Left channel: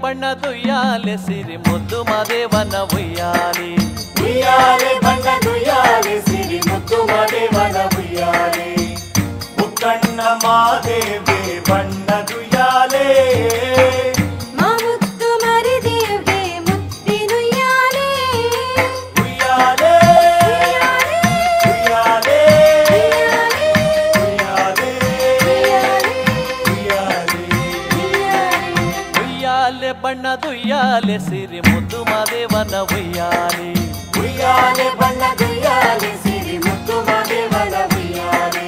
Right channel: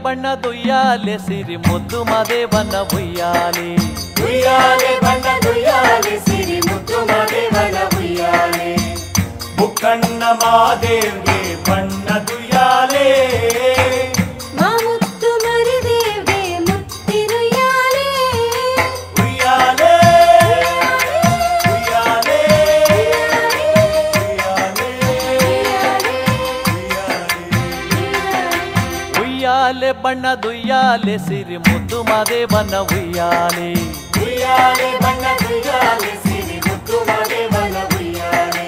ಬಣ್ಣದ ಉಯ್ಯಾಲೆ ಸಿರಿ ಮುದ್ದು ಮಾದೇವನ ಉಯ್ಯಾಲೆ ಉಯ್ಯಾಲೆ ಬಣ್ಣದ ಉಯ್ಯಾಲೆ ಸಿರಿ ಮುದ್ದು ಮಾದೇವನ ಉಯ್ಯಾಲೆ ಮುಕ್ಕಣ್ಣ ಮಾದೇವಿ ಬಣ್ಣದ ಉಯ್ಯಾಲೆ ಮುತ್ತು ಮರಿದೇವಿ ಮುತ್ತಿನ ಉಯ್ಯಾಲೆ ಉಯ್ಯಾಲೆ ಉಯ್ಯಾಲೆ ಉಯ್ಯಾಲೆ ಬಣ್ಣದ ಉಯ್ಯಾಲೆ ಸಿರಿ ಮುದ್ದು ಮಾದೇವನ ಉಯ್ಯಾಲೆ ಉಯ್ಯಾಲೆ ಬಣ್ಣದ ಉಯ್ಯಾಲೆ ಸಿರಿ ಮುದ್ದು ಮಾದೇವನ ಉಯ್ಯಾಲೆ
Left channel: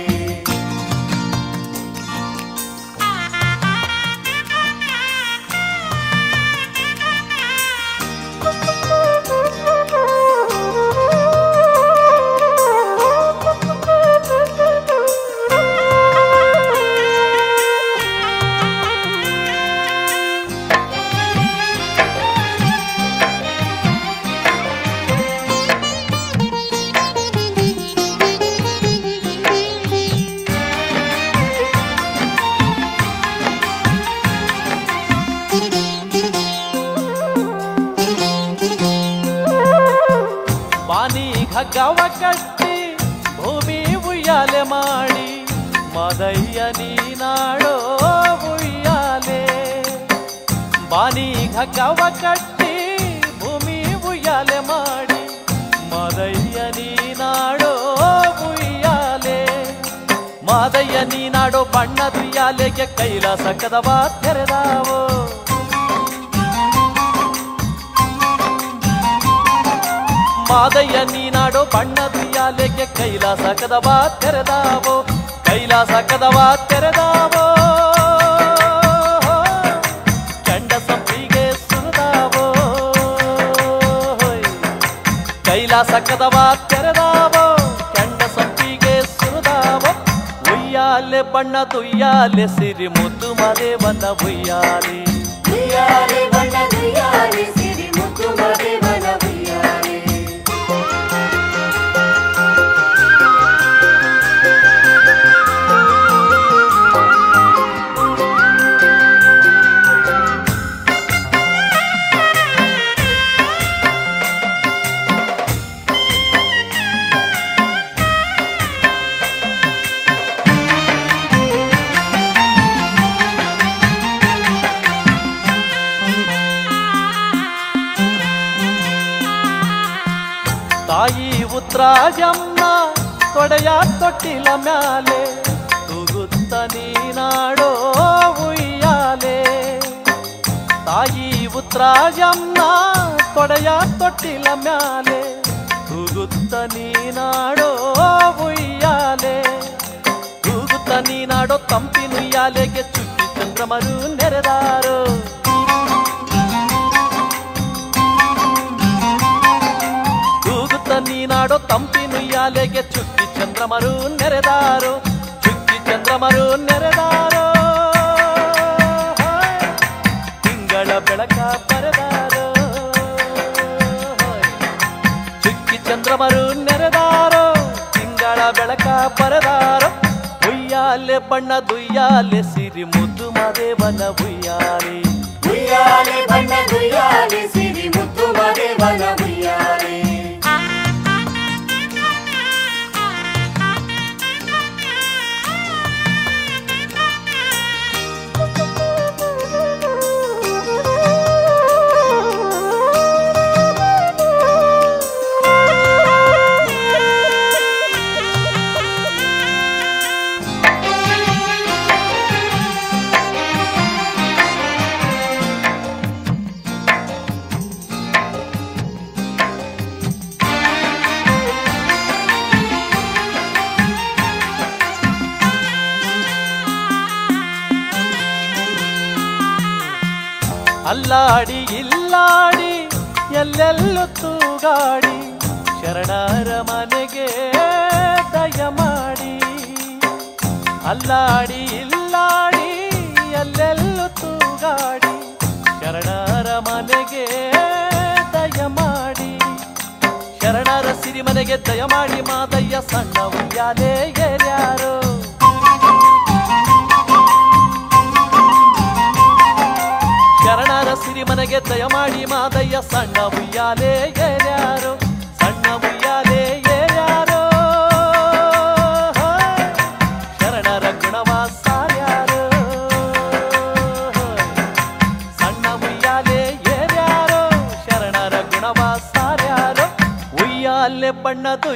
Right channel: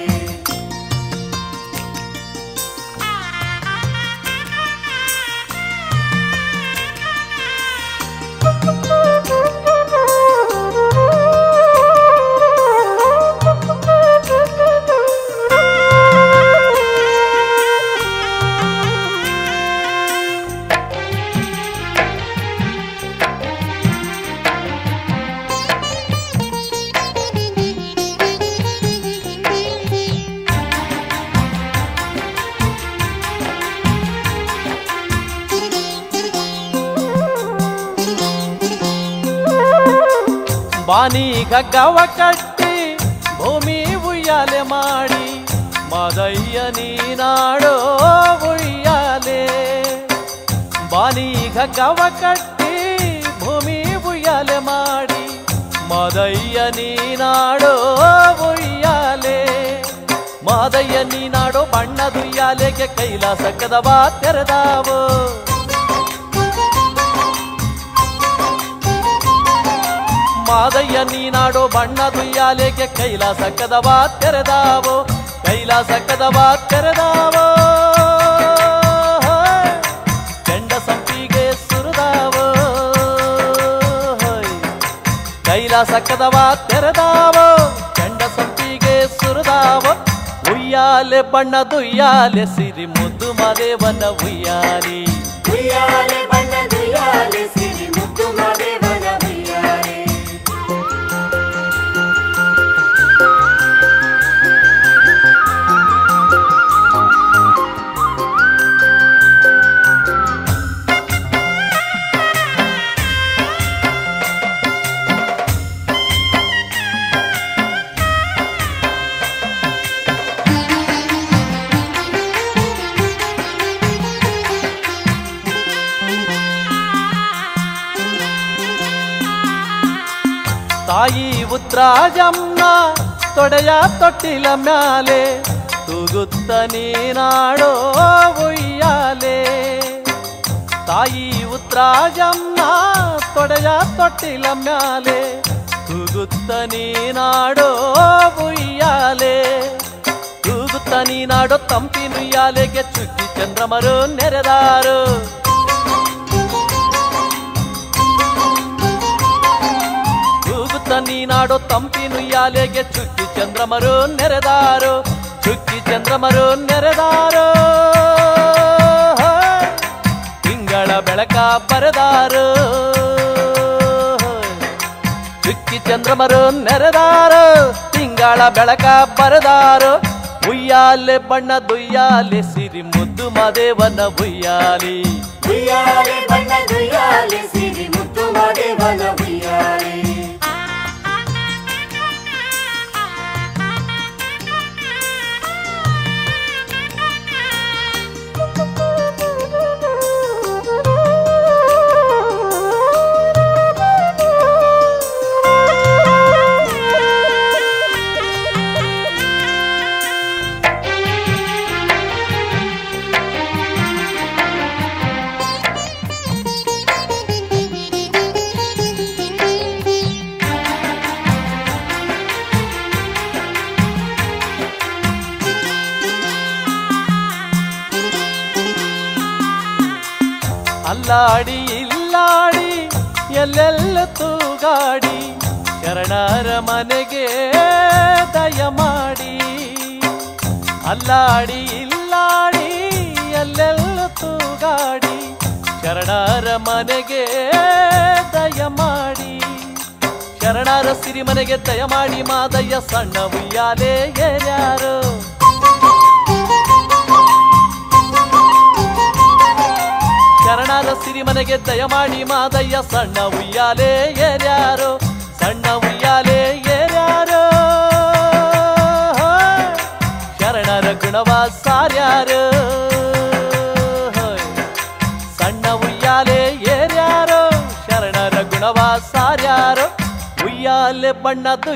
ಬಾನಿ ಗಗ್ಗವ ಕಟ್ಟಿ ಭೂಮಿ ಉಯ್ಯಾಲೆ ಮಾಡಿ ಮದಯ್ಯ ನೀನಾಡೋ ಉಯ್ಯಾಲೆ ಬಾನಿ ಗಗ್ಗವ ಕಟ್ಟಿ ಭೂಮಿ ಉಯ್ಯಾಲೆ ಮಾಡಿ ಮದಯ್ಯ ನೀನಾಡೋ ಉಯ್ಯಾಲೆ ಮದಯ್ಯ ನೀನಾಡೋ ಬಣ್ಣದ ಉಯ್ಯಾಲೆಗೆ ಕೈಲಾಸ ಕದವ ತೆರೆದಾವೋ ಮಾದಯ್ಯ ನೀನಾಡೋ ಬಣ್ಣದ ಉಯ್ಯಾಲೆಗೆ ಕೈಲಾಸ ಕದವ ತೆರೆದಾವೋ ಕೈಲಾಸ ಕದವ ತೆರೆದಾವೋ ಕೆಂಡ ಸಂಪಿಗೆ ಸುರಿದಾವೋ ಕೈಲಾಸ ಕದವ ತೆರೆದಾವೋ ಕೆಂಡ ಸಂಪಿಗೆ ಸುರಿದಾವೋ ಉಯ್ಯಾಲೆ ಬಣ್ಣದ ಉಯ್ಯಾಲೆ ಸಿರಿ ಮುದ್ದು ಮಾದೇವನ ಉಯ್ಯಾಲೆ ಉಯ್ಯಾಲೆ ಬಣ್ಣದ ಉಯ್ಯಾಲೆ ಸಿರಿ ಮುದ್ದು ಮಾದೇವನ ಉಯ್ಯಾಲೆ ತಾಯಿ ಉದ್ರಾಜಮ್ಮ ತೊಡೆಯ ತೊಟ್ಟಿಲ ಮ್ಯಾಲೆ ತೂಗುತ್ತ ನೀನಾಡೋ ಉಯ್ಯಾಲೆ ತಾಯಿ ಉದ್ರಾಜಮ್ಮ ತೊಡೆಯ ತೊಟ್ಟಿಲ ಮ್ಯಾಲೆ ತೂಗುತ್ತ ನೀನಾಡೋ ಉಯ್ಯಾಲೆ ತೂಗುತ್ತ ನೀನಾಡೋ ತಂಪಿನ ಉಯ್ಯಾಲೆಗೆ ಚುಕ್ಕಿ ಚಂದ್ರಮರು ನೆರೆದಾರು ನೀನಾಡೋ ತಂಪಿನ ಉಯ್ಯಾಲೆಗೆ ಚುಕ್ಕಿ ಚಂದ್ರಮರು ನೆರೆದಾರು ಚುಕ್ಕಿ ಚಂದ್ರಮರು ನೆರೆದಾರು ತಿಂಗಳ ಬೆಳಕ ಪರದಾರು ಚುಕ್ಕಿ ಚಂದ್ರಮರು ನೆರೆದಾರು ತಿಂಗಳ ಬೆಳಕ ಪರದಾರು ಉಯ್ಯಾಲೆ ಬಣ್ಣದ ಉಯ್ಯಾಲೆ ಸಿರಿ ಮುದ್ದು ಮಾದೇವನ ಉಯ್ಯಾಲೆ ಉಯ್ಯಾಲೆ ಬಣ್ಣದ ಉಯ್ಯಾಲೆ ಸಿರಿ ಮುದ್ದು ಮಾದೇವನ ಉಯ್ಯಾಲೆ ಅಲ್ಲಾಡಿ ಇಲ್ಲಾಡಿ ಎಲ್ಲೆಲ್ಲ ತೂಗಾಡಿ ಶರಣರ ಮನೆಗೆ ದಯ ಮಾಡಿ ಅಲ್ಲಾಡಿ ಇಲ್ಲಾಡಿ ಎಲ್ಲೆಲ್ಲ ತೂಗಾಡಿ ಶರಣರ ಮನೆಗೆ ದಯ ಮಾಡಿ ಶರಣರ ಸಿರಿಮನೆಗೆ ದಯ ಮಾಡಿ ಮಾದಯ್ಯ ಸಣ್ಣ ಉಯ್ಯಾಲೆ ಯಾರು ಶರಣರ ಸಿರಿ ಬಣ್ಣದು